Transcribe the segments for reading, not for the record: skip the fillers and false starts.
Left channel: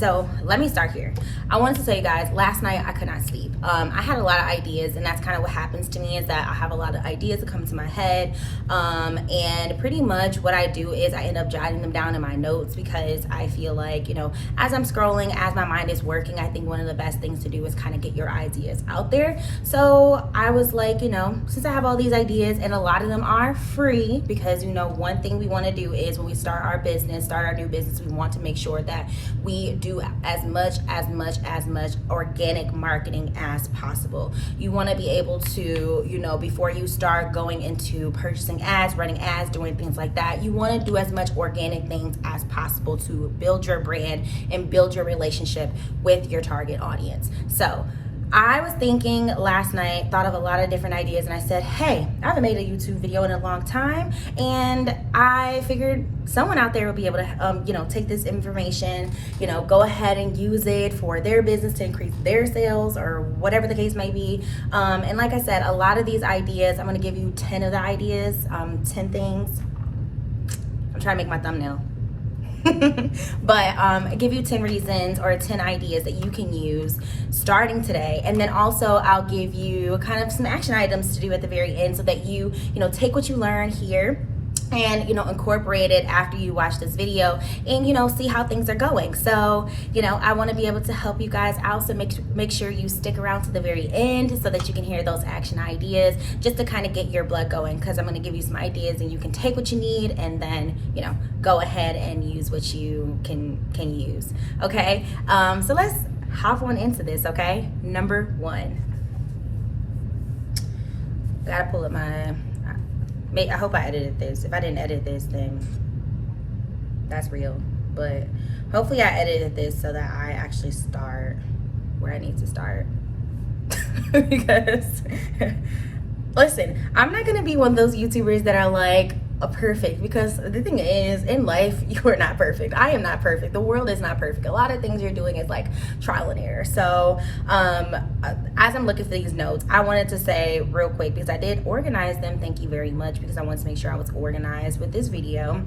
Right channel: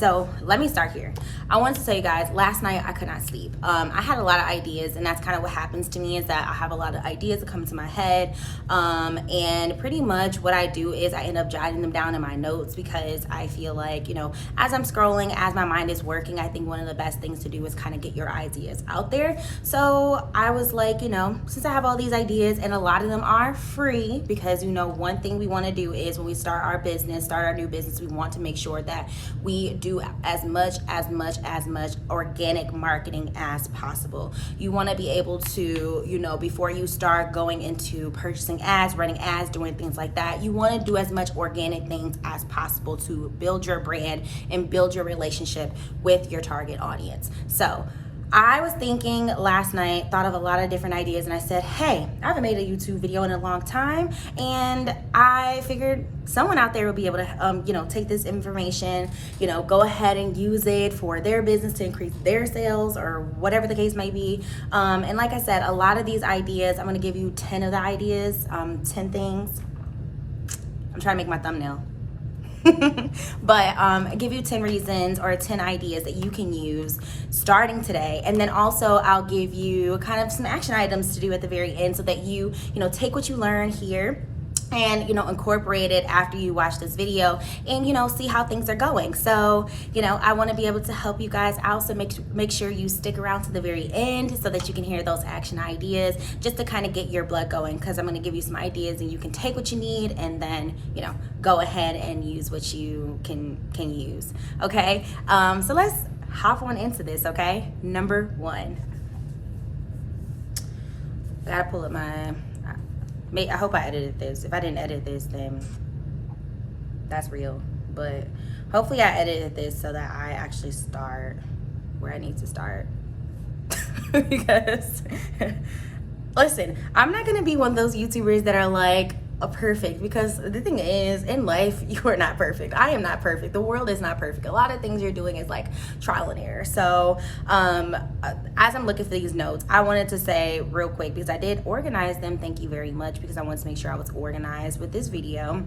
So let me start here. I wanted to tell you guys, last night I could not sleep. I had a lot of ideas, and that's kind of what happens to me, is that I have a lot of ideas that come to my head. And pretty much what I do is I end up jotting them down in my notes, because I feel like, you know, as I'm scrolling, as my mind is working, I think one of the best things to do is kind of get your ideas out there. So I was like, you know, since I have all these ideas, and a lot of them are free, because, you know, one thing we want to do is when we start our business, start our new business, we want to make sure that we do as much organic marketing as possible. You want to be able to, you know, before you start going into purchasing ads, running ads, doing things like that, you want to do as much organic things as possible to build your brand and build your relationship with your target audience. So I was thinking last night, thought of a lot of different ideas, and I said, hey, I haven't made a YouTube video in a long time, and I figured someone out there will be able to, you know, take this information, you know, go ahead and use it for their business to increase their sales or whatever the case may be. And like I said, a lot of these ideas, I'm going to give you 10 of the ideas, 10 things. I'm trying to make my thumbnail. But give you 10 reasons or 10 ideas that you can use starting today. And then also I'll give you kind of some action items to do at the very end, so that you know, take what you learn here and, you know, incorporate it after you watch this video, and, you know, see how things are going. So, you know, I want to be able to help you guys out, so make sure you stick around to the very end so that you can hear those action ideas, just to kind of get your blood going, because I'm going to give you some ideas and you can take what you need, and then, you know, go ahead and use what you can use. Okay, so let's hop on into this. Okay, number one, I gotta pull up my, I hope I edited this. If I didn't edit this, then that's real. But hopefully I edited this so that I actually start where I need to start. Because, listen, I'm not going to be one of those YouTubers that are like, perfect, because the thing is, in life, you are not perfect. I am not perfect. The world is not perfect. A lot of things you're doing is like trial and error. So as I'm looking for these notes, I wanted to say real quick, because I did organize them, thank you very much, because I wanted to make sure I was organized with this video.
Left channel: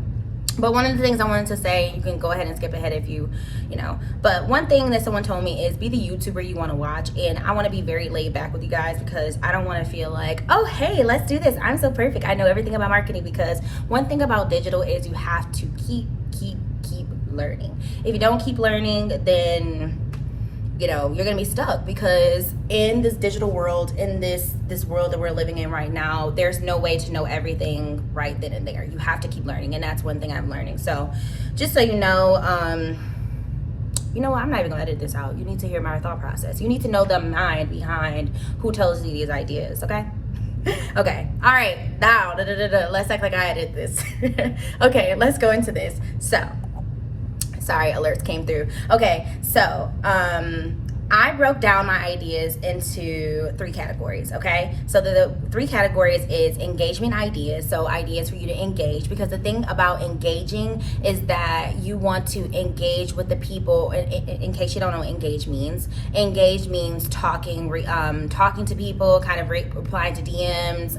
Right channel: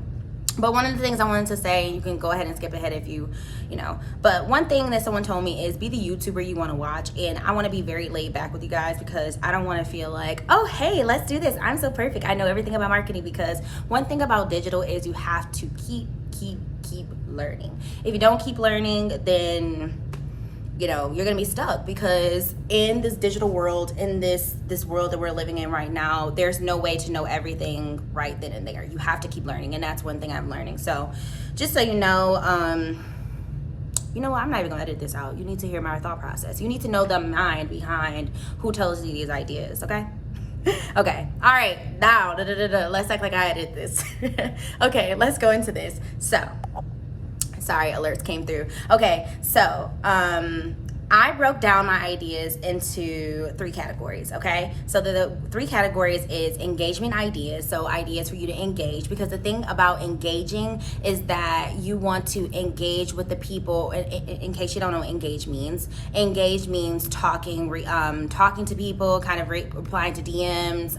But one of the things I wanted to say, you can go ahead and skip ahead if you know, but one thing that someone told me is, be the YouTuber you want to watch. And I want to be very laid back with you guys, because I don't want to feel like, oh, hey, let's do this, I'm so perfect, I know everything about marketing. Because one thing about digital is you have to keep learning. If you don't keep learning, then, you know, you're gonna be stuck, because in this digital world, in this world that we're living in right now, there's no way to know everything right then and there. You have to keep learning, and that's one thing I'm learning. So just so you know, you know what, I'm not even gonna edit this out. You need to hear my thought process. You need to know the mind behind who tells you these ideas, okay? Okay, all right, now let's act like I edited this. Okay, let's go into this. So sorry, alerts came through. Okay, so I broke down my ideas into 3 categories, okay? So the 3 categories is engagement ideas, so ideas for you to engage, because the thing about engaging is that you want to engage with the people. In case you don't know what engage means talking to people, kind of replying to DMs,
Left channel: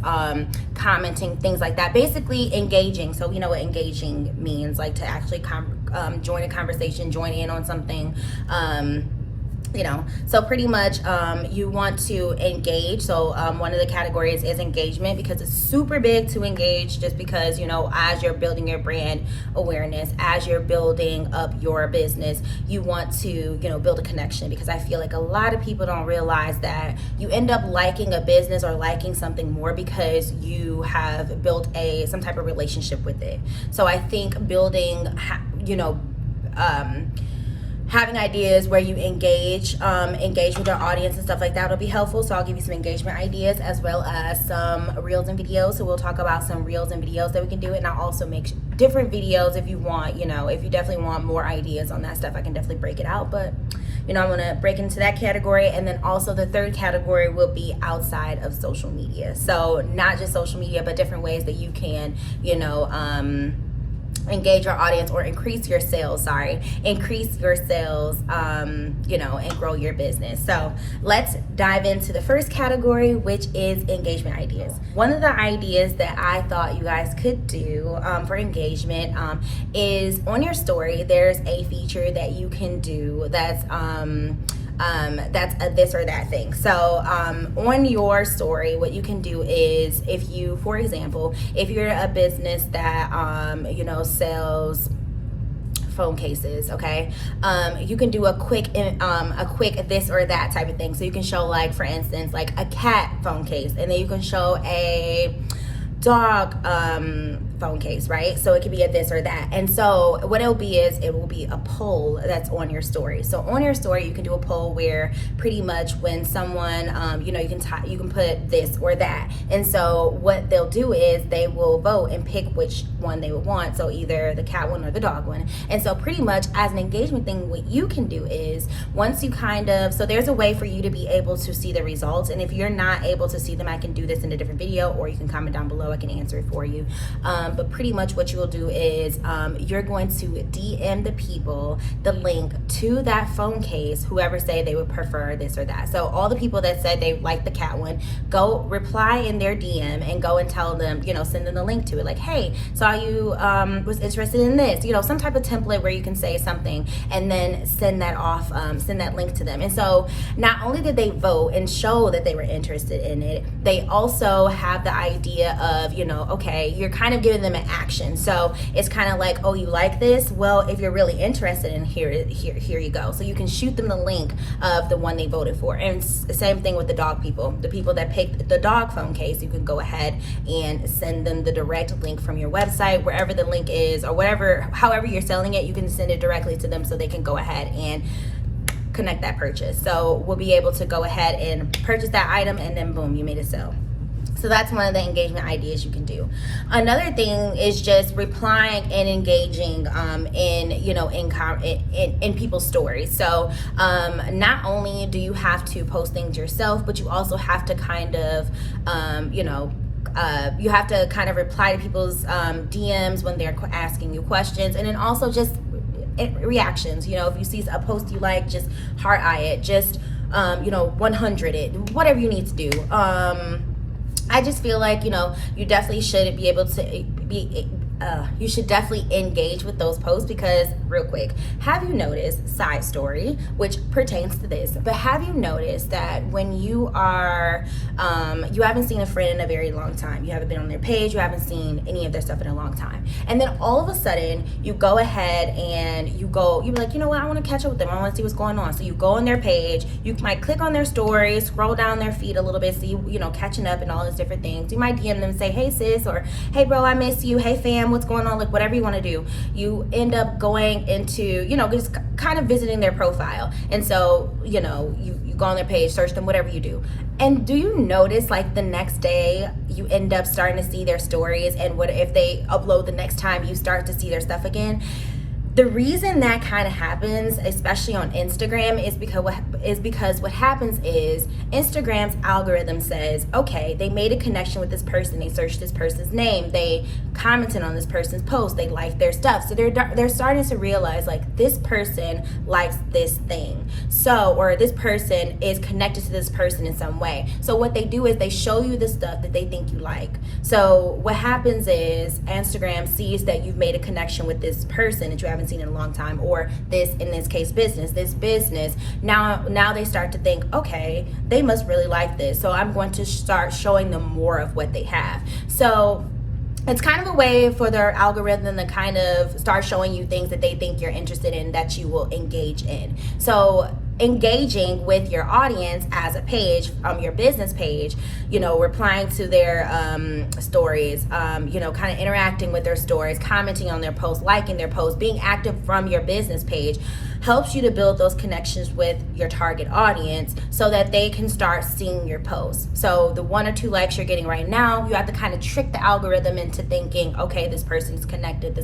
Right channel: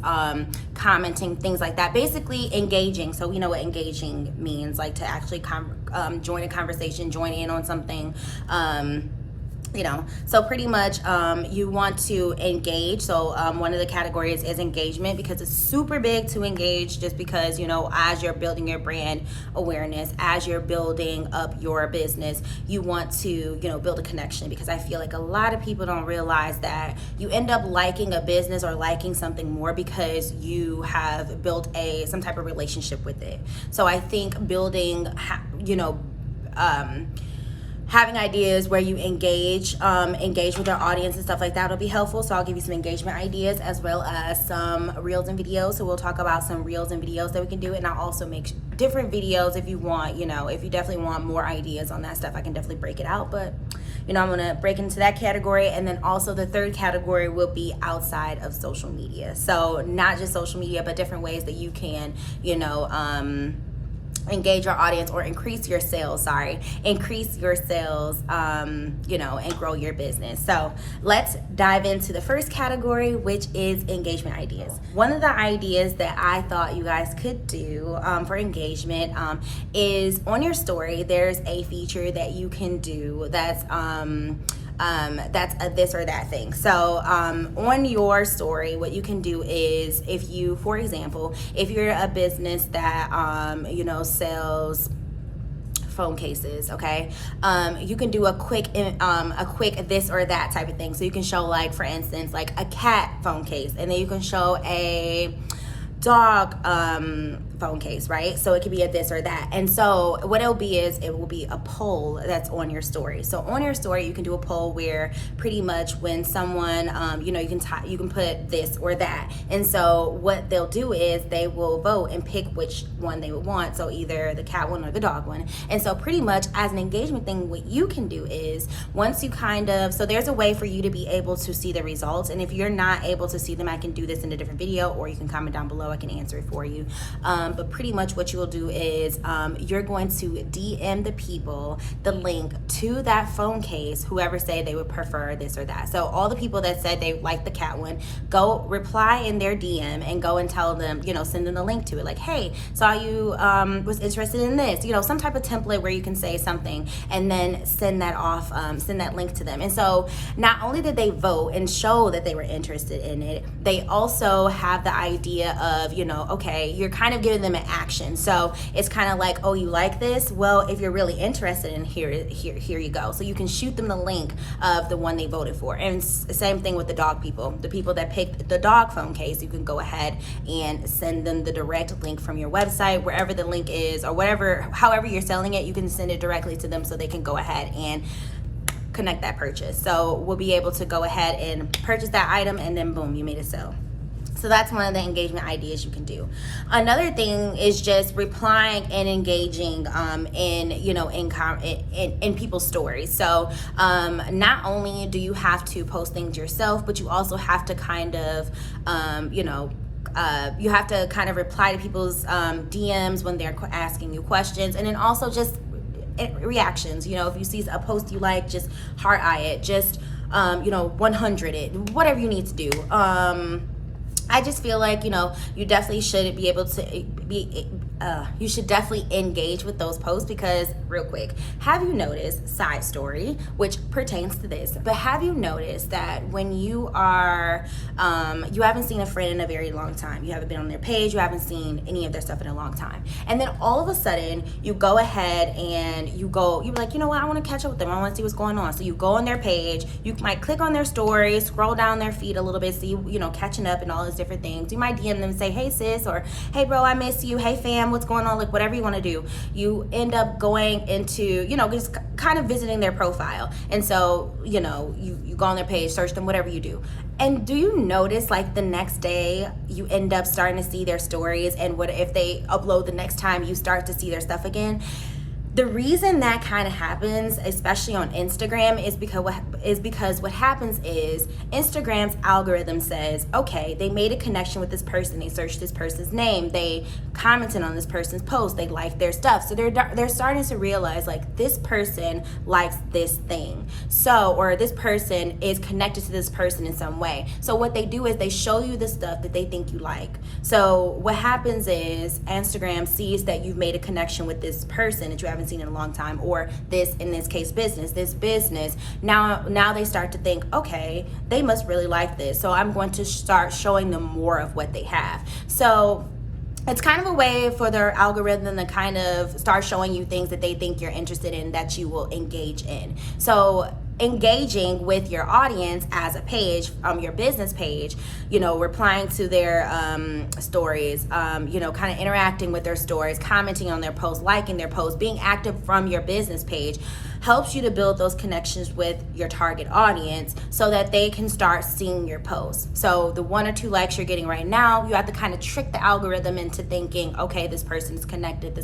commenting, things like that. Basically engaging. So we know what engaging means, like to actually join a conversation, join in on something. You know, so pretty much you want to engage. So one of the categories is engagement, because it's super big to engage, just because, you know, as you're building your brand awareness, as you're building up your business, you want to, you know, build a connection. Because I feel like a lot of people don't realize that you end up liking a business or liking something more because you have built some type of relationship with it. So I think building, you know, having ideas where you engage with your audience and stuff like that will be helpful. So I'll give you some engagement ideas, as well as some reels and videos. So we'll talk about some reels and videos that we can do, and I'll also make different videos if you want, you know, if you definitely want more ideas on that stuff, I can definitely break it out. But, you know, I'm gonna break into that category. And then also the third category will be outside of social media. So not just social media, but different ways that you can, you know, engage your audience or increase your sales, increase your sales, you know, and grow your business. So let's dive into the first category, which is engagement ideas. One of the ideas that I thought you guys could do for engagement is on your story, there's a feature that you can do that's a this or that thing. So on your story, what you can do is, if you, for example, if you're a business that you know, sells phone cases, okay, you can do a quick this or that type of thing. So you can show, like, for instance, like a cat phone case, and then you can show a dog phone case, right? So it could be a this or that. And so what it'll be is, it will be a poll that's on your story. So on your story, you can do a poll where pretty much when someone, you know, you can put this or that. And so what they'll do is they will vote and pick which one they would want. So either the cat one or the dog one. And so pretty much as an engagement thing, what you can do is, once you so there's a way for you to be able to see the results. And if you're not able to see them, I can do this in a different video, or you can comment down below. I can answer it for you. But pretty much what you will do is you're going to DM the people the link to that phone case, whoever say they would prefer this or that. So all the people that said they like the cat one, go reply in their DM and go and tell them, you know, send them the link to it. Like, hey, saw you was interested in this, you know, some type of template where you can say something and then send that off, send that link to them. And so not only did they vote and show that they were interested in it, they also have the idea of, you know, okay, you're kind of giving them an action. So it's kind of like, oh, you like this? Well, if you're really interested in here you go. So you can shoot them the link of the one they voted for. And same thing with the dog people. The people that picked the dog phone case, you can go ahead and send them the direct link from your website, wherever the link is, or however you're selling it, you can send it directly to them so they can go ahead and connect that purchase. So we'll be able to go ahead and purchase that item, and then boom, you made a sale. So that's one of the engagement ideas you can do. Another thing is just replying and engaging in, you know, in people's stories. So not only do you have to post things yourself, but you also have to kind of, you know, you have to kind of reply to people's DMs when they're asking you questions, and then also just reactions. You know, if you see a post you like, just heart eye it, just you know, 100 it, whatever you need to do. I just feel like, you know, you definitely should be able to you should definitely engage with those posts, because real quick, have you noticed, side story, which pertains to this, but have you noticed that when you are, you haven't seen a friend in a very long time, you haven't been on their page, you haven't seen any of their stuff in a long time, and then all of a sudden you go ahead and you're like, you know what, I want to catch up with them, I want to see what's going on. So you go on their page, you might click on their story, scroll down their feed a little bit, see, you know, catching up and all those different things. You might DM them and say, hey sis, or hey bro, I miss you, hey fam, what's going on, like whatever you want to do. You end up going into, you know, just kind of visiting their profile. And so, you know, you go on their page, search them, whatever you do. And do you notice, like, the next day you end up starting to see their stories, and what if they upload the next time, you start to see their stuff again? The reason that kind of happens, especially on Instagram, is because what happens is Instagram's algorithm says, okay, they made a connection with this person, they searched this person's name, they commented on this person's post, they liked their stuff. So they're starting to realize, like, this person likes this thing, so, or this person is connected to this person in some way. So what they do is they show you the stuff that they think you like. So what happens is Instagram sees that you've made a connection with this person that you haven't seen in a long time, or this, in this case, this business. Now they start to think, okay, they must really like this, so I'm going to start showing them more of what they have. So it's kind of a way for their algorithm to kind of start showing you things that they think you're interested in, that you will engage in. So engaging with your audience as a page, your business page, you know, replying to their stories, you know, kind of interacting with their stories, commenting on their posts, liking their posts, being active from your business page, helps you to build those connections with your target audience so that they can start seeing your posts. So the 1 or 2 likes you're getting right now, you have to kind of trick the algorithm into thinking, okay, this person's connected,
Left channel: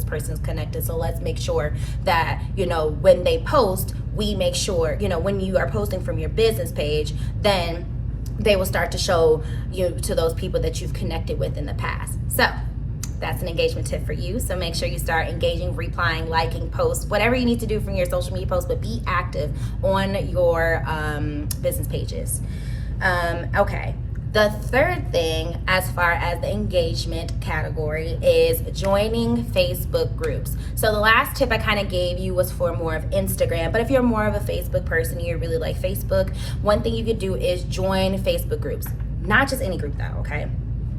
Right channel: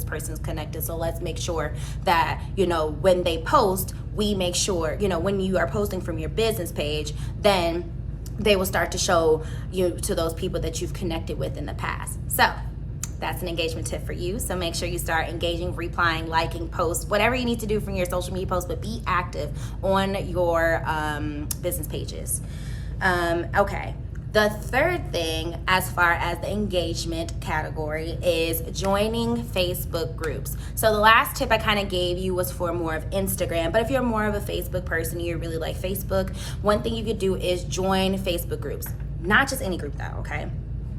so let's make sure that, you know, when they post, we make sure, you know, when you are posting from your business page, then they will start to show you to those people that you've connected with in the past. So That's an engagement tip for you. So make sure you start engaging, replying, liking posts, whatever you need to do from your social media posts, but be active on your business pages. Okay. The third thing, as far as the engagement category, is joining Facebook groups. So the last tip I kind of gave you was for more of Instagram, but if you're more of a Facebook person, you really like Facebook, one thing you could do is join Facebook groups. Not just any group though, okay?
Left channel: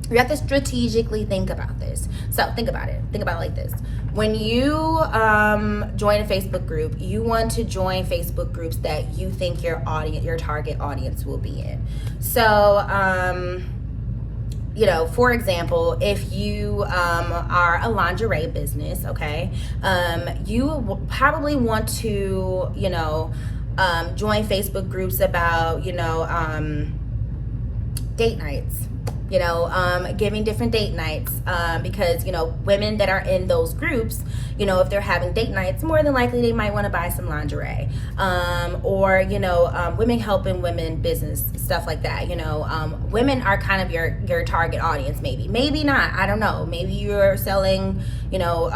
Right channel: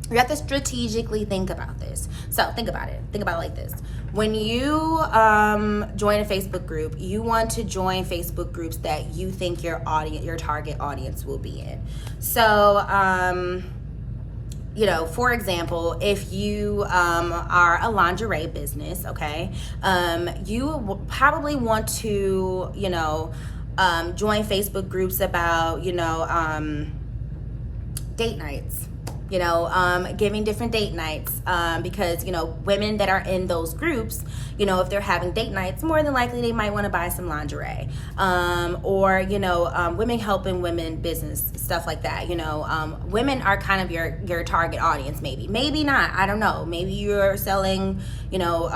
You have to strategically think about this. So think about it. Think about it like this. When you join a Facebook group, you want to join Facebook groups that you think your audience, your target audience will be in. So, you know, for example, if you are a lingerie business, okay, you will probably want to, you know, join Facebook groups about, you know, date nights. You know, giving different date nights, because, you know, women that are in those groups, you know, if they're having date nights, more than likely they might want to buy some lingerie, or, you know, women helping women business, stuff like that. You know, women are kind of your target audience, maybe not, I don't know, maybe you're selling, you know,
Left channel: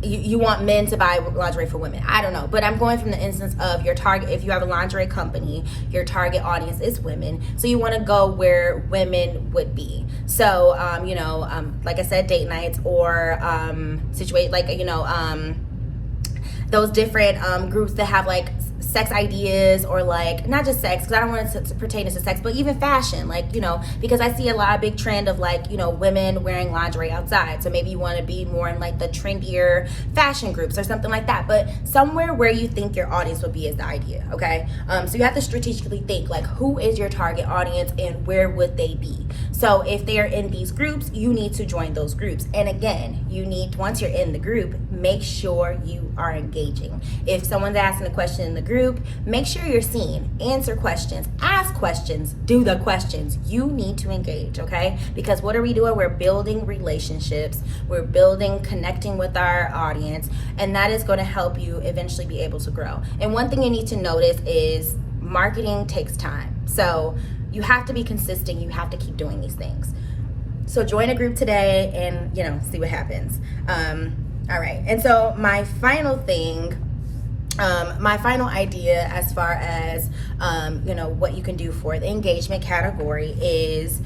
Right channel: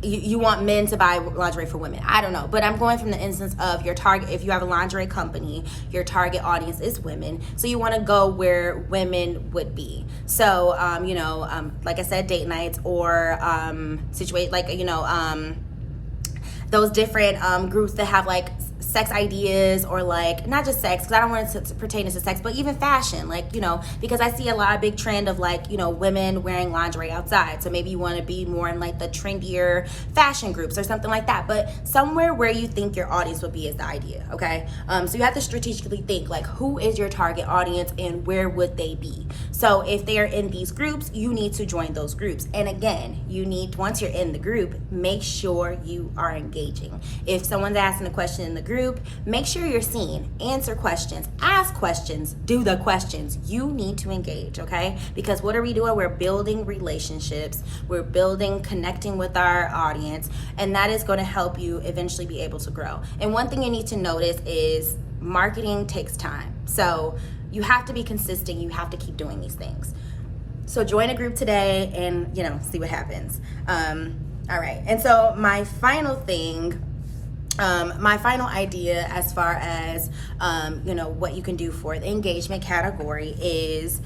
you want men to buy lingerie for women. I don't know. But I'm going from the instance of your target. If you have a lingerie company, your target audience is women. So you want to go where women would be. So, you know, like I said, date nights or situate, like, you know, those different groups that have like sex ideas, or like not just sex, because I don't want it to pertain to sex, but even fashion, like, you know, because I see a lot of big trend of like, you know, women wearing lingerie outside. So maybe you want to be more in like the trendier fashion groups or something like that, but somewhere where you think your audience will be is the idea. Okay. So you have to strategically think like, who is your target audience and where would they be? So if they are in these groups, you need to join those groups. And again, you need, once you're in the group, make sure you are engaging. If someone's asking a question in the group, make sure you're seen, answer questions, ask questions, do the questions. You need to engage, okay? Because what are we doing? We're building relationships, we're building, connecting with our audience, and that is going to help you eventually be able to grow. And one thing you need to notice is marketing takes time. So you have to be consistent, you have to keep doing these things. So join a group today and, you know, see what happens. All right, and so my final thing, my final idea as far as, you know, what you can do for the engagement category is,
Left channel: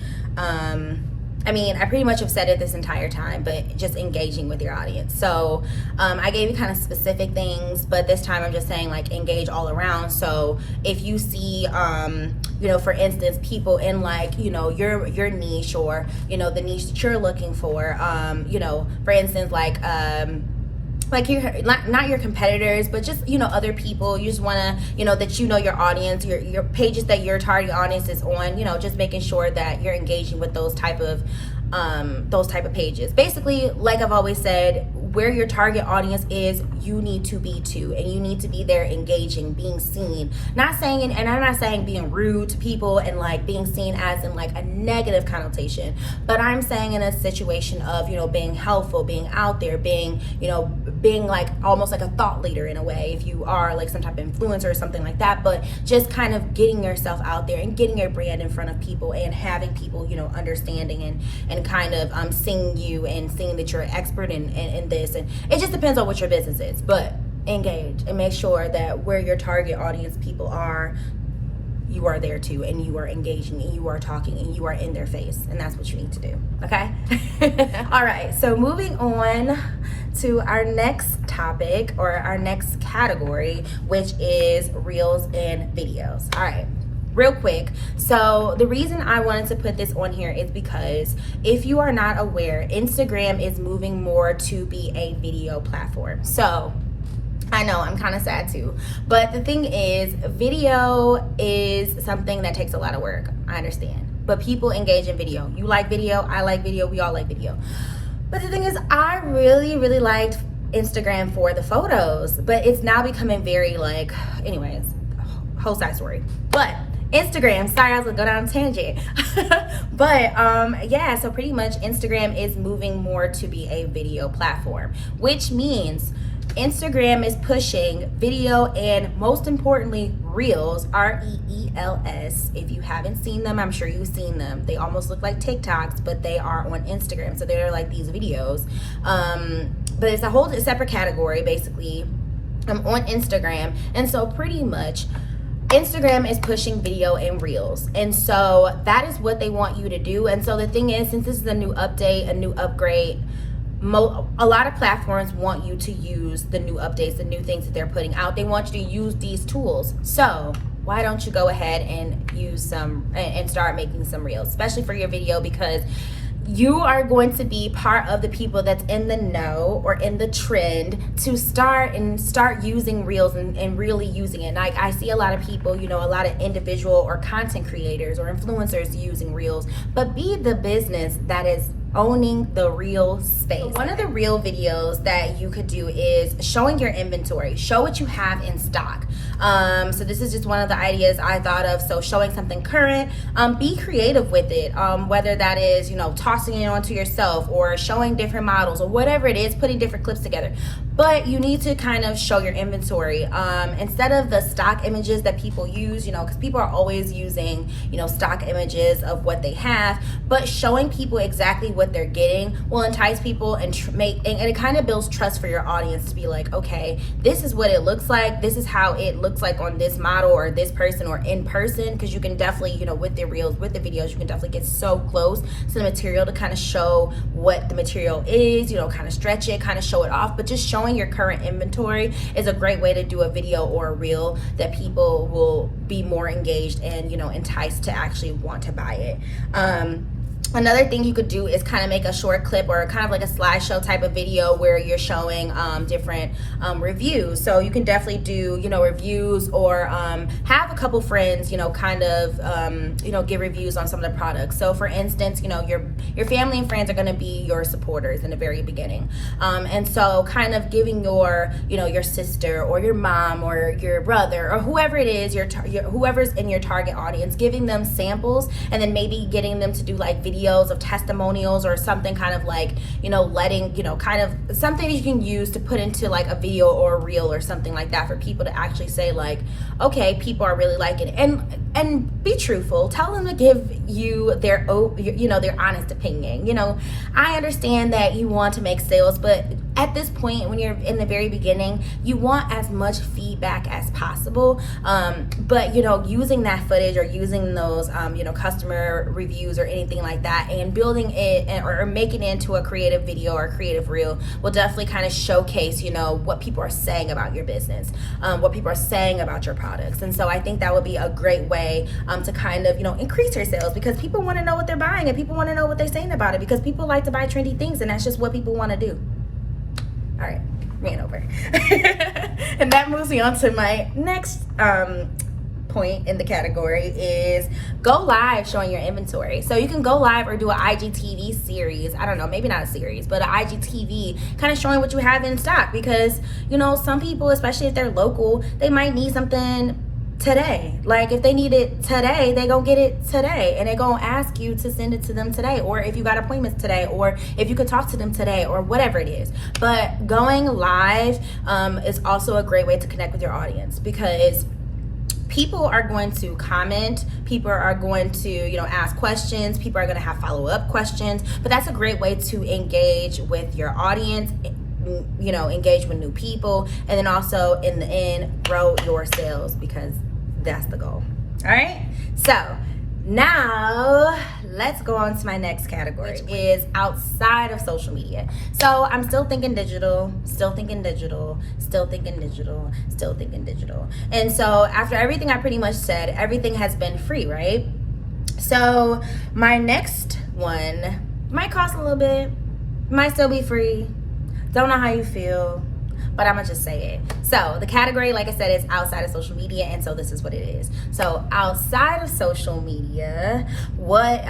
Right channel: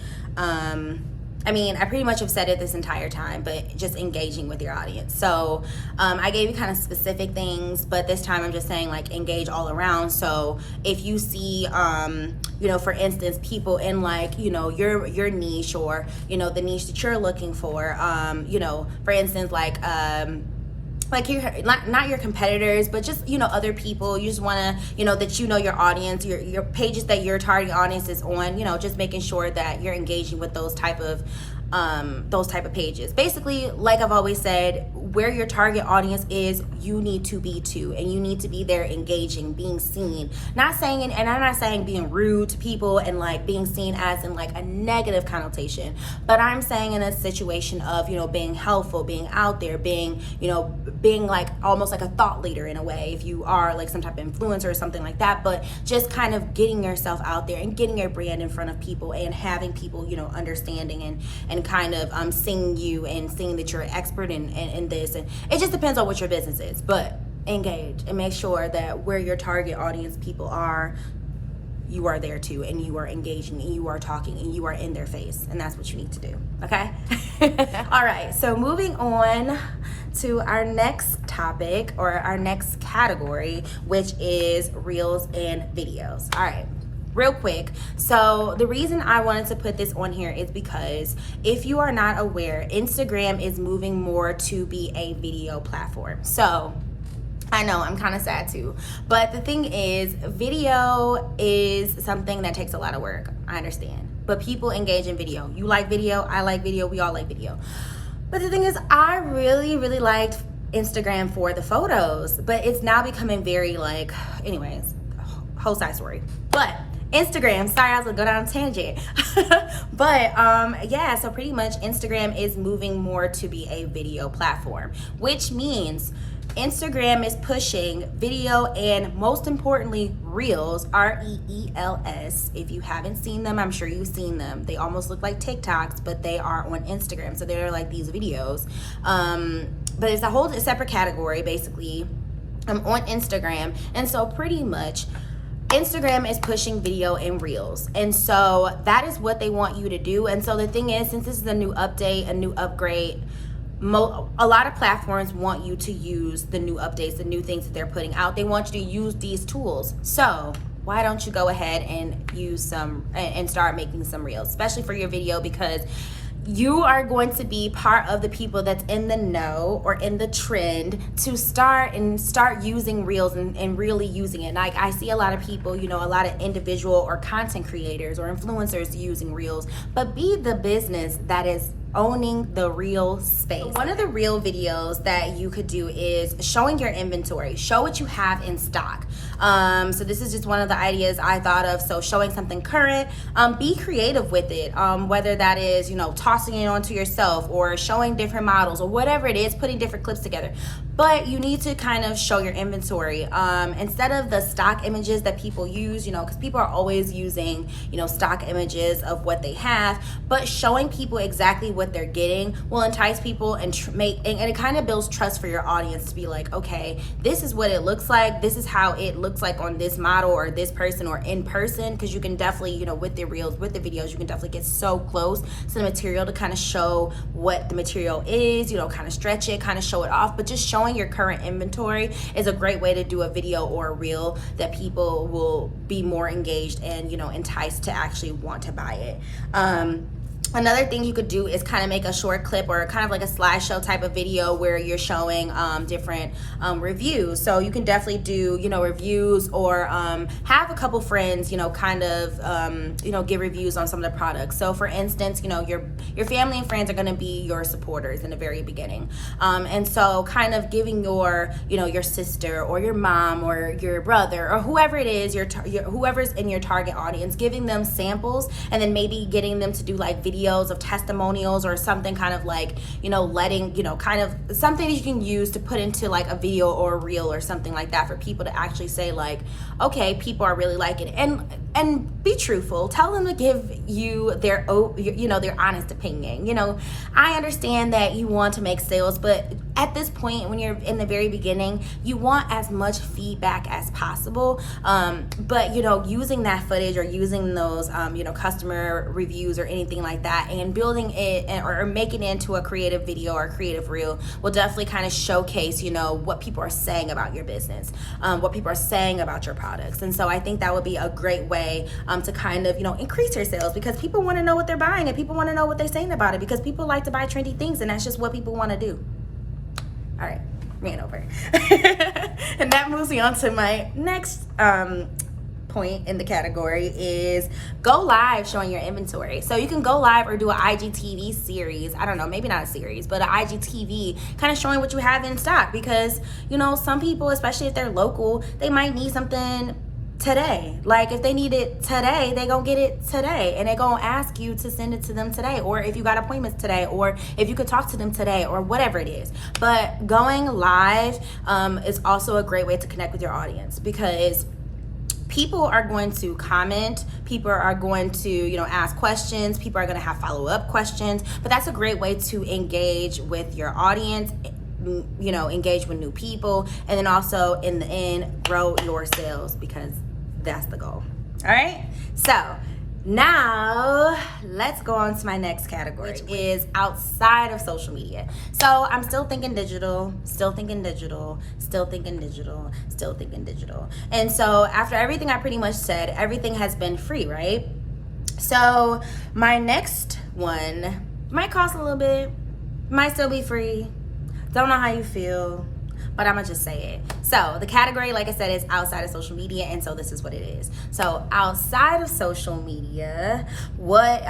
I mean, I pretty much have said it this entire time, but just engaging with your audience. So I gave you kind of specific things, but this time I'm just saying like engage all around. So if you see, you know, for instance, people in like, you know, your niche, or, you know, the niche that you're looking for, you know, for instance, like you're not your competitors, but just, you know, other people. You just want to, you know, that, you know, your audience, your pages that your target audience is on, you know, just making sure that you're engaging with those type of pages. Basically, like I've always said, where your target audience is, you need to be too, and you need to be there engaging, being seen. Not saying, and I'm not saying being rude to people and like being seen as in like a negative connotation, but I'm saying in a situation of, you know, being helpful, being out there, being, you know, being like almost like a thought leader in a way, if you are like some type of influencer or something like that, but just kind of getting yourself out there and getting your brand in front of people and having people, you know, understanding and kind of seeing you and seeing that you're an expert in this. And it just depends on what your business is, but engage and make sure that where your target audience people are, you are there too, and you are engaging and you are talking and you are in their face, and that's what you need to do. Okay. All right, so moving on to our next topic, or our next category, which is reels and videos. All right, real quick. So the reason I wanted to put this on here is because if you are not aware, Instagram is moving more to be a video platform. So I know, I'm kind of sad too, but the thing is, video is something that takes a lot of work. I understand, but people engage in video. You like video, I like video, we all like video. But the thing is, I really liked Instagram for the photos, but it's now becoming very like, anyways, whole side story. But Instagram, sorry, I was gonna go down a tangent. But yeah, so pretty much Instagram is moving more to be a video platform, which means Instagram is pushing video and most importantly, Reels, Reels. If you haven't seen them, I'm sure you've seen them. They almost look like TikToks, but they are on Instagram. So they're like these videos. But it's a whole separate category, basically, on Instagram. And so pretty much, Instagram is pushing video and Reels. And so that is what they want you to do. And so the thing is, since this is a new update, a new upgrade, a lot of platforms want you to use the new updates, the new things that they're putting out. They want you to use these tools. So why don't you go ahead and use some and start making some Reels, especially for your video, because you are going to be part of the people that's in the know or in the trend to start using Reels and really using it. And I see a lot of people, you know, a lot of individual or content creators or influencers using Reels, but be the business that is owning the Reel space. So one of the Reel videos that you could do is showing your inventory. Show what you have in stock. So this is just one of the ideas I thought of. So showing something current, be creative with it. Whether that is, you know, tossing it onto yourself or showing different models or whatever it is, putting different clips together. But you need to kind of show your inventory. Instead of the stock images that people use, you know, because people are always using, you know, stock images of what they have, but showing people exactly what they're getting will entice people and it kind of builds trust for your audience to be like, okay, this is what it looks like. This is how it looks like on this model or this person or in person. Because you can definitely, you know, with the Reels, with the videos, you can definitely get so close to the material to kind of show what the material is, you know, kind of stretch it, kind of show it off. But just showing your current inventory is a great way to do a video or a Reel that people will be more engaged and, you know, enticed to actually want to buy it. Another thing you could do is kind of make a short clip or kind of like a slideshow type of video where you're showing different reviews. So you can definitely do, you know, reviews or have a couple friends, you know, kind of, you know, give reviews on some of the products. So for instance, you know, your family and friends are going to be your supporters in the very beginning. And so kind of giving your, you know, your sister or your mom or your brother or whoever it is, whoever's in your target audience, giving them samples and then maybe getting them to do like videos of testimonials or something kind of like, you know, letting, you know, kind of something that you can use to put into like a video or a Reel or something like that for people to actually say like, okay, people are really liking it. And be truthful. Tell them to give you their, you know, their honest opinion. You know, I understand that you want to make sales, but at this point, when you're in the very beginning, you want as much feedback as possible. But, you know, using that footage or using those, you know, customer reviews or anything like that and building it or making it into a creative video or a creative Reel will definitely kind of showcase, you know, what people are saying about your business, what people are saying about your products. And so I think that would be a great way to kind of, you know, increase your sales, because people want to know what they're buying and people want to know what they're saying about it, because people like to buy trendy things and that's just what people want to do. All right, ran over. And that moves me on to my next point in the category is go live showing your inventory. So you can go live or do an IGTV series. I don't know, maybe not a series, but an IGTV kind of showing what you have in stock, because, you know, some people, especially if they're local, they might need something today. Like if they need it today, they go get it today and they gonna ask you to send it to them today, or if you got appointments today, or if you could talk to them today, or whatever it is. But going live is also a great way to connect with your audience, because people are going to comment, people are going to, you know, ask questions, people are going to have follow-up questions, but that's a great way to engage with your audience, you know, engage with new people, and then also in the end grow your sales, because that's the goal. All right, so now let's go on to my next category, which is outside of social media. So I'm still thinking digital, still thinking digital, still thinking digital, still thinking digital. And so after everything I pretty much said, everything has been free, right? So my next one might cost a little bit, might still be free. Don't know how you feel, but I'm gonna just say it. So the category, like I said, is outside of social media, and so this is what it is. So outside of social media, what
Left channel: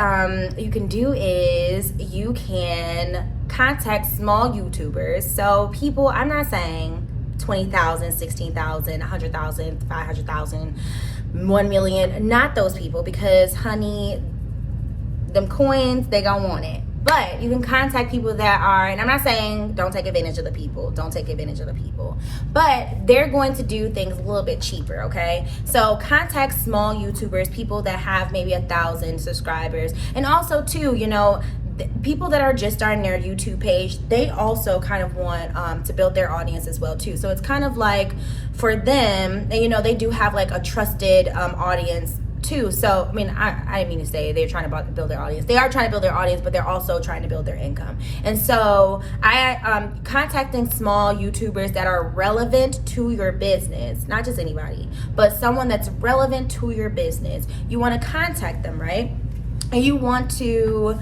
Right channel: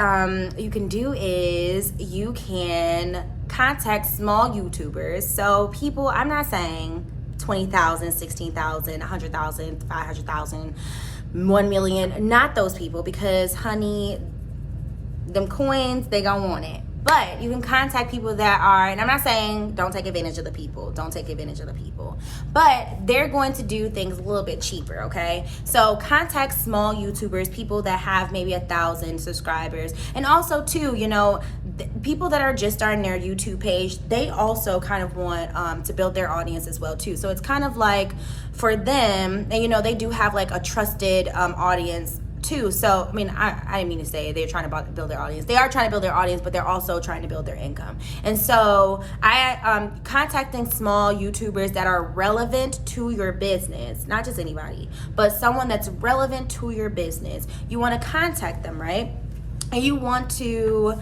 you can do is you can contact small YouTubers. So people, I'm not saying 20,000, 16,000, 100,000, 500,000, 1 million, not those people, because honey, them coins, they gonna want it. But you can contact people that are, and I'm not saying don't take advantage of the people, but they're going to do things a little bit cheaper, okay? So contact small YouTubers, people that have maybe 1,000 subscribers. And also too, you know, people that are just starting their YouTube page, they also kind of want to build their audience as well too. So it's kind of like for them, and you know, they do have like a trusted audience too. So I mean, I didn't mean to say they're trying to build their audience. They are trying to build their audience, but they're also trying to build their income. And so I contacting small YouTubers that are relevant to your business, not just anybody, but someone that's relevant to your business. You want to contact them, right? And you want to,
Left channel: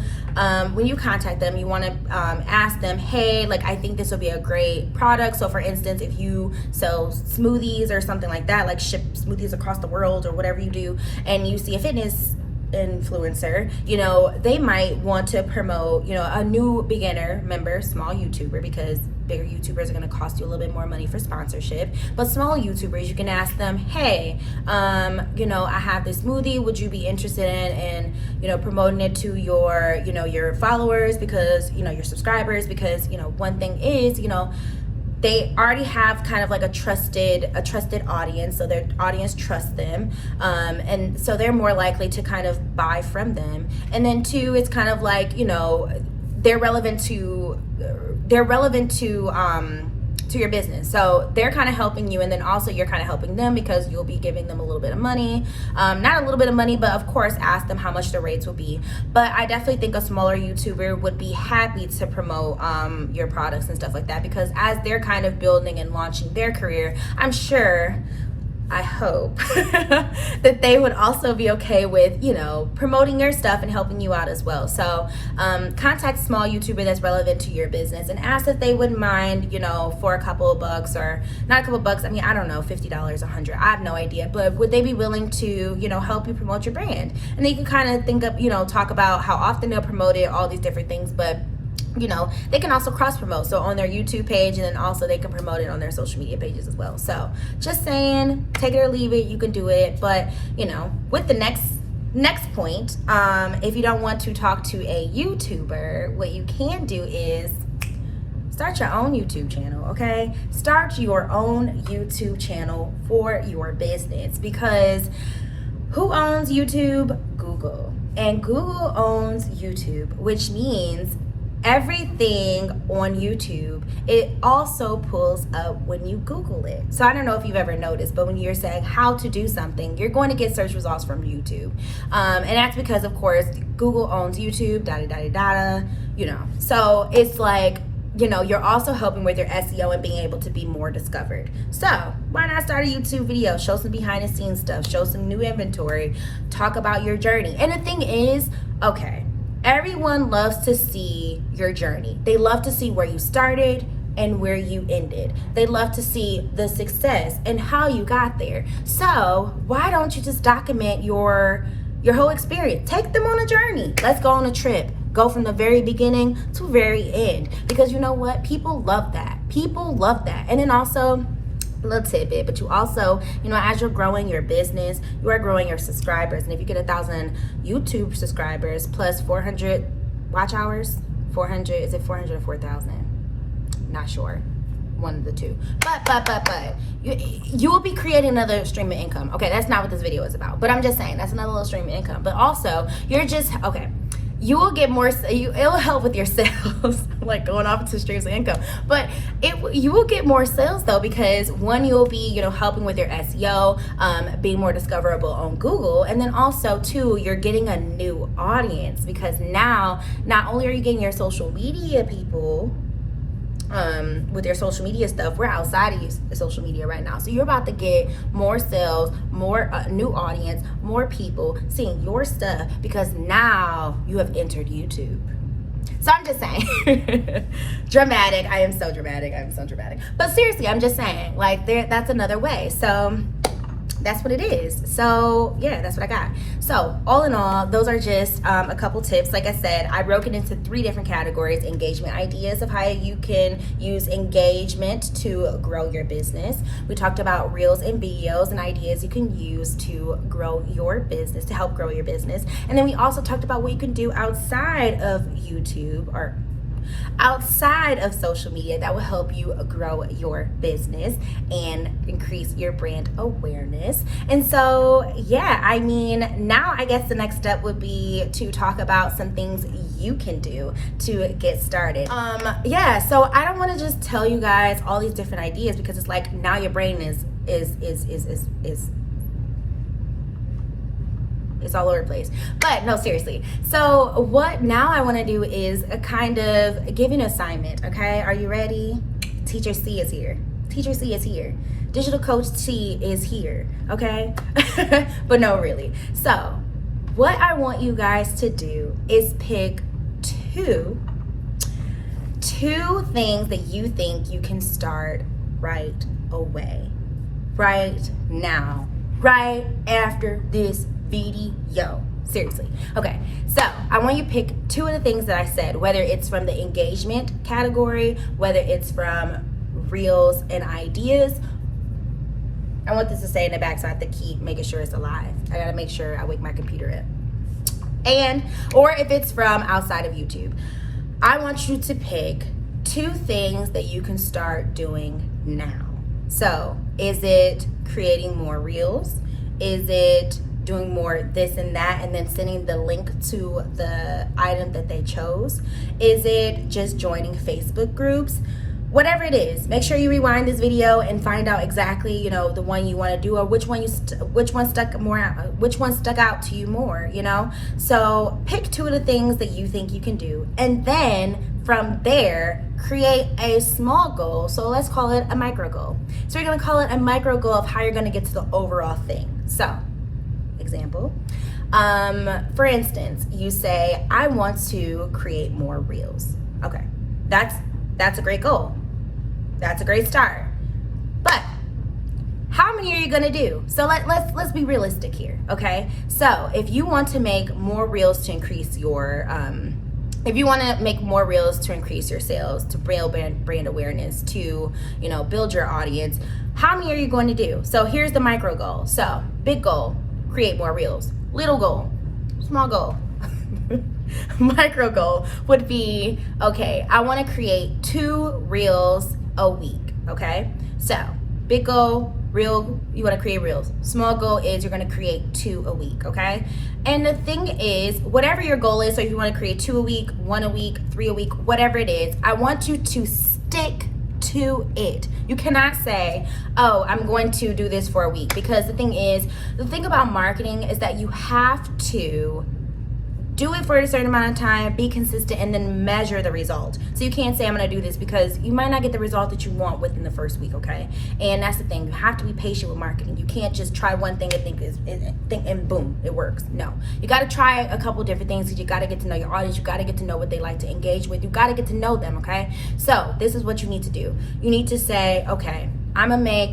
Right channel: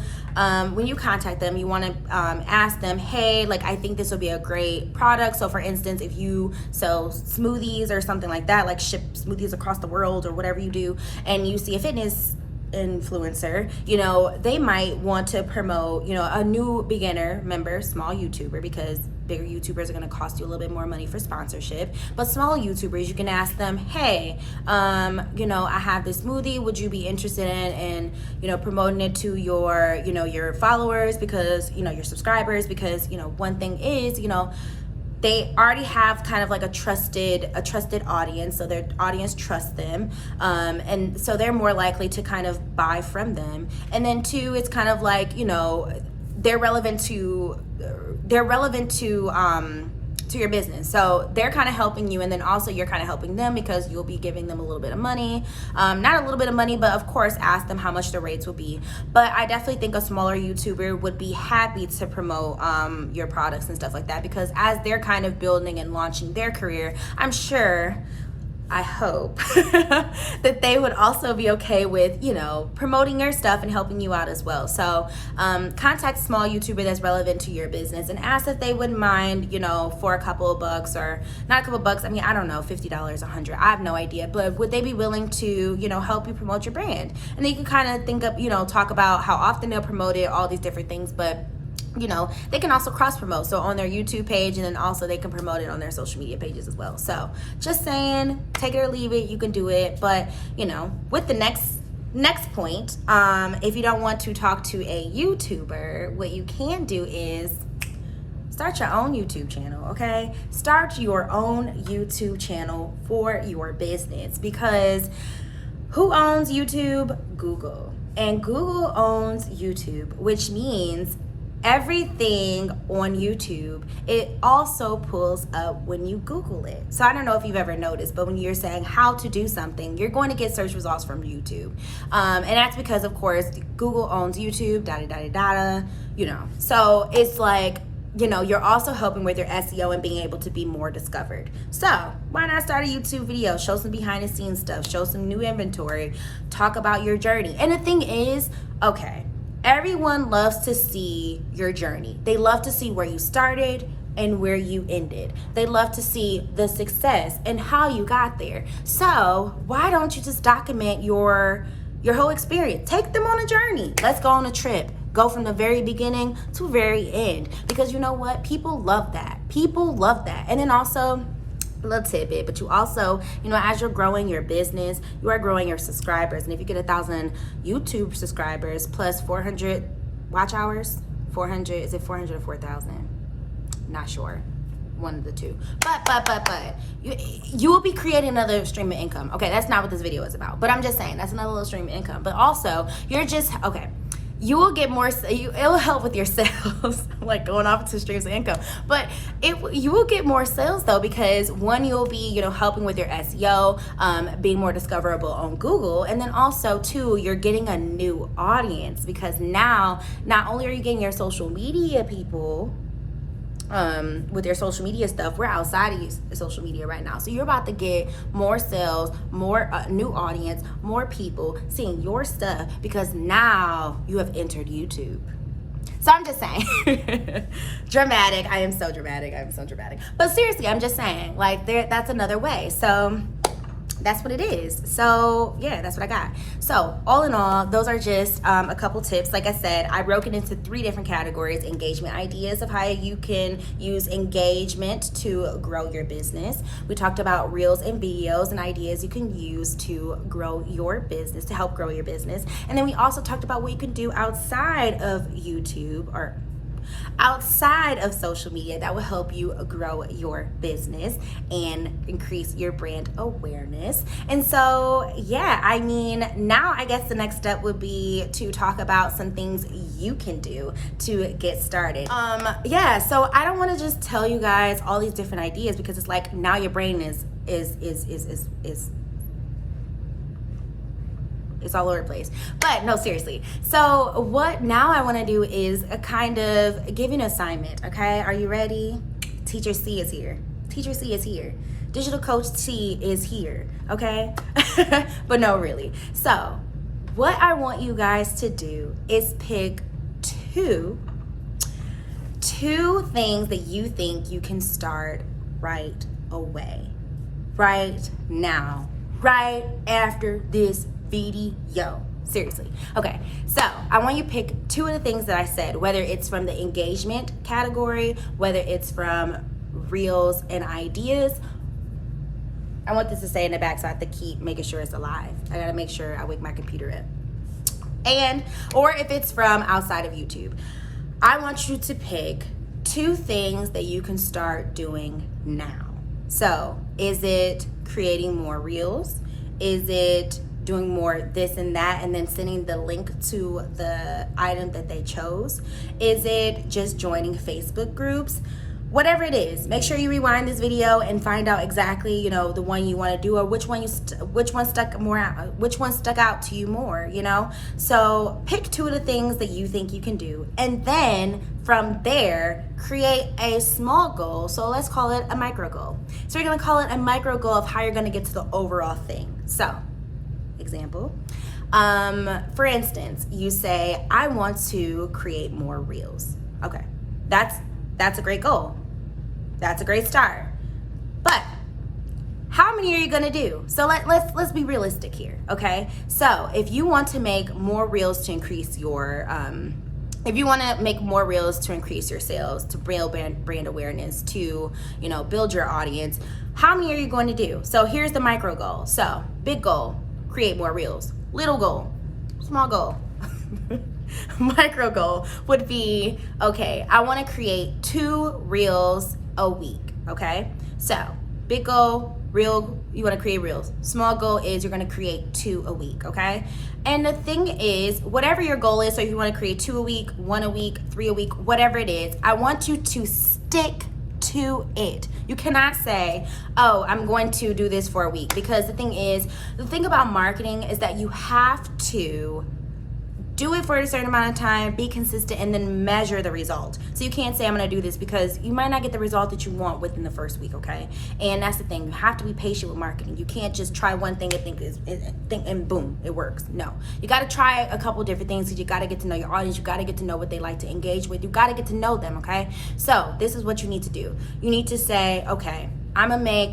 when you contact them, you want to ask them, hey, like, I think this would be a great product. So for instance, if you sell smoothies or something like that, like ship smoothies across the world or whatever you do, and you see a fitness influencer, you know, they might want to promote, you know, a new beginner member, small YouTuber, because bigger YouTubers are going to cost you a little bit more money for sponsorship. But small YouTubers, you can ask them, hey, you know, I have this smoothie. Would you be interested in, you know, promoting it to your, you know, your followers, because, you know, your subscribers, because, you know, one thing is, you know, they already have kind of like a trusted audience, so their audience trusts them, and so they're more likely to kind of buy from them. And then two, it's kind of like, you know, they're relevant to your business, so they're kind of helping you, and then also you're kind of helping them because you'll be giving them a little bit of money, not a little bit of money, but of course ask them how much the rates will be. But I definitely think a smaller YouTuber would be happy to promote your products and stuff like that, because as they're kind of building and launching their career, I'm sure, I hope that they would also be okay with, you know, promoting your stuff and helping you out as well. So contact small YouTuber that's relevant to your business and ask if they wouldn't mind, you know, for a couple of bucks, or not a couple of bucks, I mean, I don't know, $50, $100, I have no idea, but would they be willing to, you know, help you promote your brand? And then you can kind of think of, you know, talk about how often they'll promote it, all these different things. But you know, they can also cross promote, so on their YouTube page, and then also they can promote it on their social media pages as well. So just saying, take it or leave it, you can do it. But you know, with the next point, if you don't want to talk to a YouTuber, what you can do is start your own YouTube channel, okay? Start your own YouTube channel for your business, because who owns YouTube? Google. And Google owns YouTube, which means everything on YouTube, it also pulls up when you Google it. So I don't know if you've ever noticed, but when you're saying how to do something, you're going to get search results from YouTube. And that's because, of course, Google owns YouTube, you know. So it's like, you know, you're also helping with your SEO and being able to be more discovered. So why not start a YouTube video, show some behind the scenes stuff, show some new inventory, talk about your journey. And the thing is, okay, everyone loves to see your journey. They love to see where you started and where you ended. They love to see the success and how you got there. So why don't you just document your whole experience? Take them on a journey. Let's go on a trip. Go from the very beginning to very end. Because you know what? People love that. People love that. And then also, a little tidbit, but you also, you know, as you're growing your business, you are growing your subscribers. And if you get 1,000 YouTube subscribers plus 400 watch hours, 400, is it 400 or 4,000? Not sure, one of the two. But you will be creating another stream of income. Okay, that's not what this video is about, but I'm just saying that's another little stream of income. But also, you're just, okay, you will get more, it'll help with your sales, like going off into streams of income. But you will get more sales though, because one, you'll be, you know, helping with your SEO, being more discoverable on Google. And then also two, you're getting a new audience, because now, not only are you getting your social media people, with your social media stuff, we're outside of your social media right now, so you're about to get more sales, more new audience, more people seeing your stuff, because now you have entered YouTube. So I'm just saying, dramatic. I am so dramatic. But seriously, I'm just saying, like, that's another way. So that's what it is. So yeah, that's what I got. So all in all, those are just a couple tips. Like I said, I broke it into 3 different categories: engagement ideas of how you can use engagement to grow your business. We talked about reels and videos and ideas you can use to grow your business, to help grow your business. And then we also talked about what you can do outside of YouTube or outside of social media that will help you grow your business and increase your brand awareness. And so, yeah, I mean, now I guess the next step would be to talk about some things you can do to get started. Yeah, so I don't want to just tell you guys all these different ideas, because it's like now your brain is it's all over the place. But no, seriously. So what now I want to do is a kind of give you an assignment, okay? Are you ready? Teacher C is here. Teacher C is here. Digital Coach C is here, okay? But no, really. So what I want you guys to do is pick two things that you think you can start right away, right now, right after this video. Seriously. Okay, so I want you to pick 2 of the things that I said, whether it's from the engagement category, whether it's from reels and ideas. I want this to stay in the back, so I have to keep making sure it's alive. I gotta make sure I wake my computer up. Or if it's from outside of YouTube, I want you to pick 2 things that you can start doing now. So is it creating more reels? Is it doing more this and that and then sending the link to the item that they chose? Is it just joining Facebook groups? Whatever it is, make sure you rewind this video and find out exactly, the one you want to do, or which one stuck out to you more, So pick 2 of the things that you think you can do, and then from there create a small goal. So let's call it a micro goal. So you're going to call it a micro goal of how you're going to get to the overall thing. So example, for instance, you say, I want to create more reels. Okay, that's a great goal. That's a great start. But how many are you gonna do? So let's be realistic here, okay? So if you want to make more reels to increase your if you want to make more reels to increase your sales, to build brand awareness, to build your audience, how many are you going to do? So here's the micro goal. So big goal, create more reels. Little goal, small goal. Micro goal would be, okay, I want to create 2 reels a week. Okay, so big goal, real, you want to create reels. Small goal is you're going to create 2 a week. Okay, and the thing is, whatever your goal is, so if you want to create 2 a week, 1 a week, 3 a week, whatever it is, I want you to stick to it. You cannot say, oh, I'm going to do this for a week, because the thing about marketing is that you have to do it for a certain amount of time, be consistent, and then measure the result. So you can't say I'm going to do this, because you might not get the result that you want within the first week, okay? And that's the thing. You have to be patient with marketing. You can't just try one thing and think and boom, it works. No. You got to try a couple different things, because you got to get to know your audience. You got to get to know what they like to engage with. You got to get to know them, okay? So this is what you need to do. You need to say, okay, I'm going to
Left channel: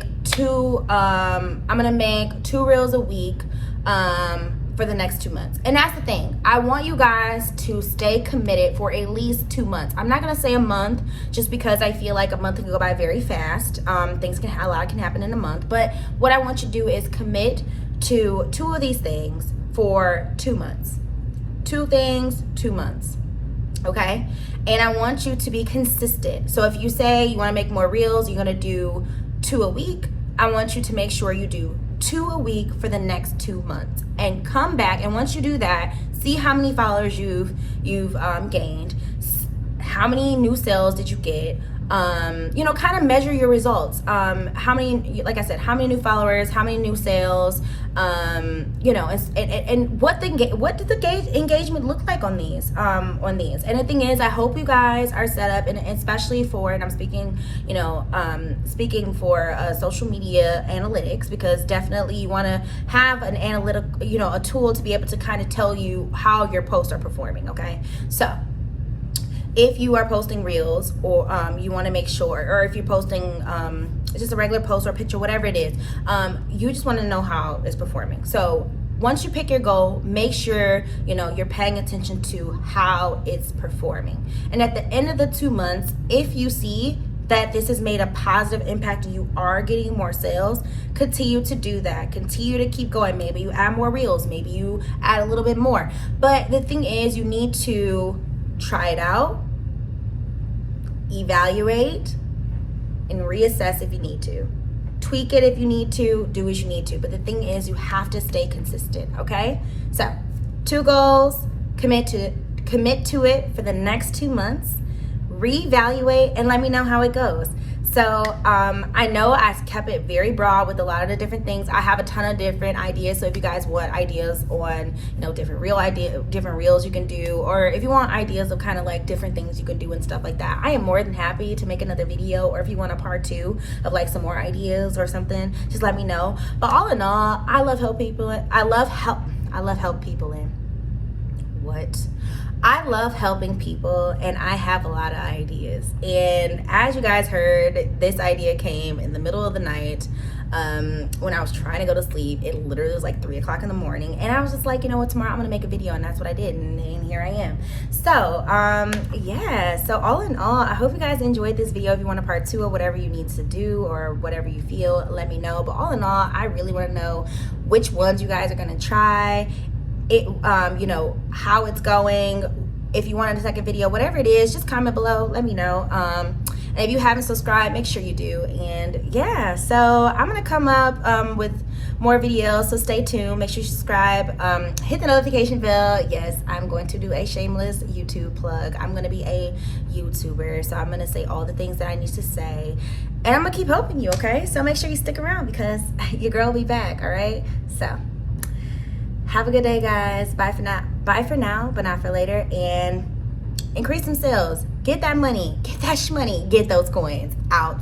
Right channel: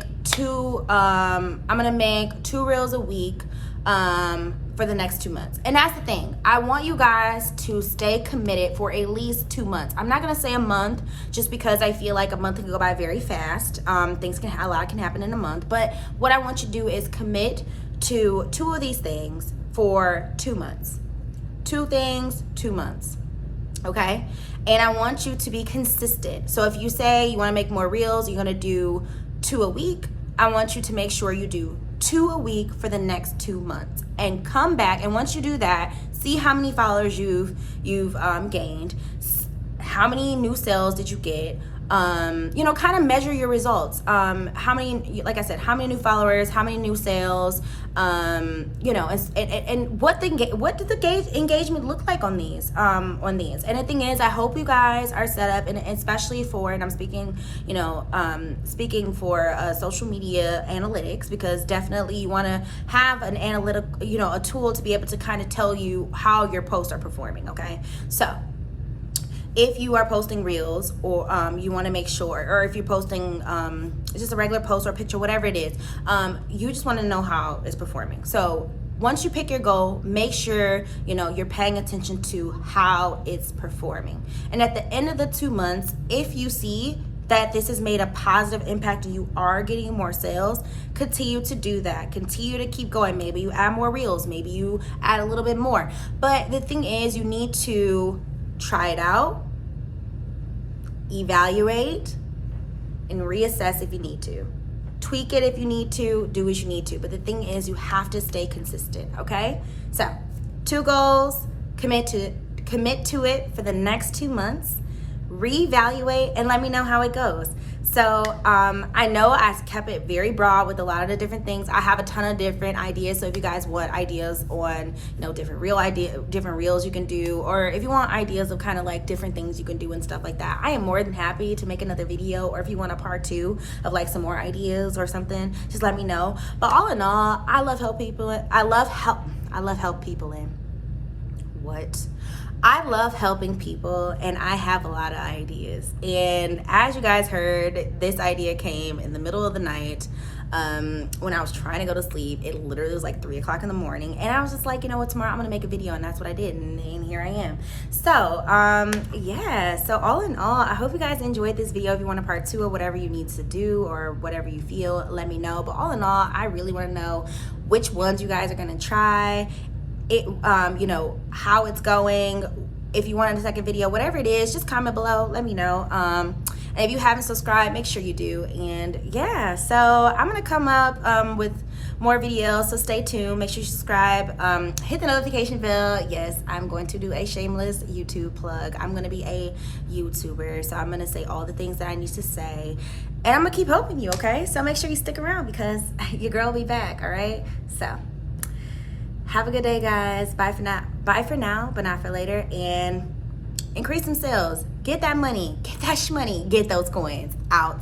make 2 reels a week for the next 2 months. And that's the thing. I want you guys to stay committed for at least 2 months. I'm not going to say a month, just because I feel like a month can go by very fast. A lot can happen in a month. But what I want you to do is commit to 2 of these things for 2 months. 2 things, 2 months. Okay? And I want you to be consistent. So if you say you want to make more reels, you're going to do 2 a week, I want you to make sure you do 2 a week for the next 2 months, and come back, and once you do that, see how many followers you've gained, how many new sales did you get, kind of measure your results. How many, like I said, how many new followers, how many new sales, and what does the engagement look like on these. And the thing is, I hope you guys are set up, and especially for, and I'm speaking for social media analytics, because definitely you want to have an analytic, a tool to be able to kind of tell you how your posts are performing. Okay, so if you are posting reels, or you want to make sure, or if you're posting just a regular post or picture, whatever it is, you just want to know how it's performing. So once you pick your goal, make sure you're paying attention to how it's performing. And at the end of the 2 months, if you see that this has made a positive impact and you are getting more sales, continue to do that. Continue to keep going. Maybe you add more reels, maybe you add a little bit more. But the thing is, you need to try it out, evaluate, and reassess if you need to. Tweak it if you need to, do what you need to. But the thing is, you have to stay consistent, okay? So 2 goals, commit to it for the next 2 months, reevaluate, and let me know how it goes. So I know I kept it very broad with a lot of the different things. I have a ton of different ideas. So if you guys want ideas on different reels you can do, or if you want ideas of kind of like different things you can do and stuff like that, I am more than happy to make another video. Or if you want a part 2 of like some more ideas or something, just let me know. But all in all, I love help people. I love help people in what? I love helping people, and I have a lot of ideas. And as you guys heard, this idea came in the middle of the night when I was trying to go to sleep. It literally was like 3 o'clock in the morning, and I was just like, you know what, tomorrow I'm gonna make a video, and that's what I did, and here I am. So yeah, so all in all, I hope you guys enjoyed this video. If you want a part 2 or whatever you need to do, or whatever you feel, let me know. But all in all, I really want to know which ones you guys are gonna try it, how it's going. If you want a second video, whatever it is, just comment below, let me know. And if you haven't subscribed, make sure you do. And yeah, so I'm gonna come up with more videos, so stay tuned. Make sure you subscribe, hit the notification bell. Yes, I'm going to do a shameless YouTube plug. I'm gonna be a YouTuber, so I'm gonna say all the things that I need to say, and I'm gonna keep helping you, okay? So make sure you stick around, because your girl will be back, all right? So have a good day, guys. Bye for now, but not for later. And increase some sales. Get that money. Get that shmoney. Get those coins out.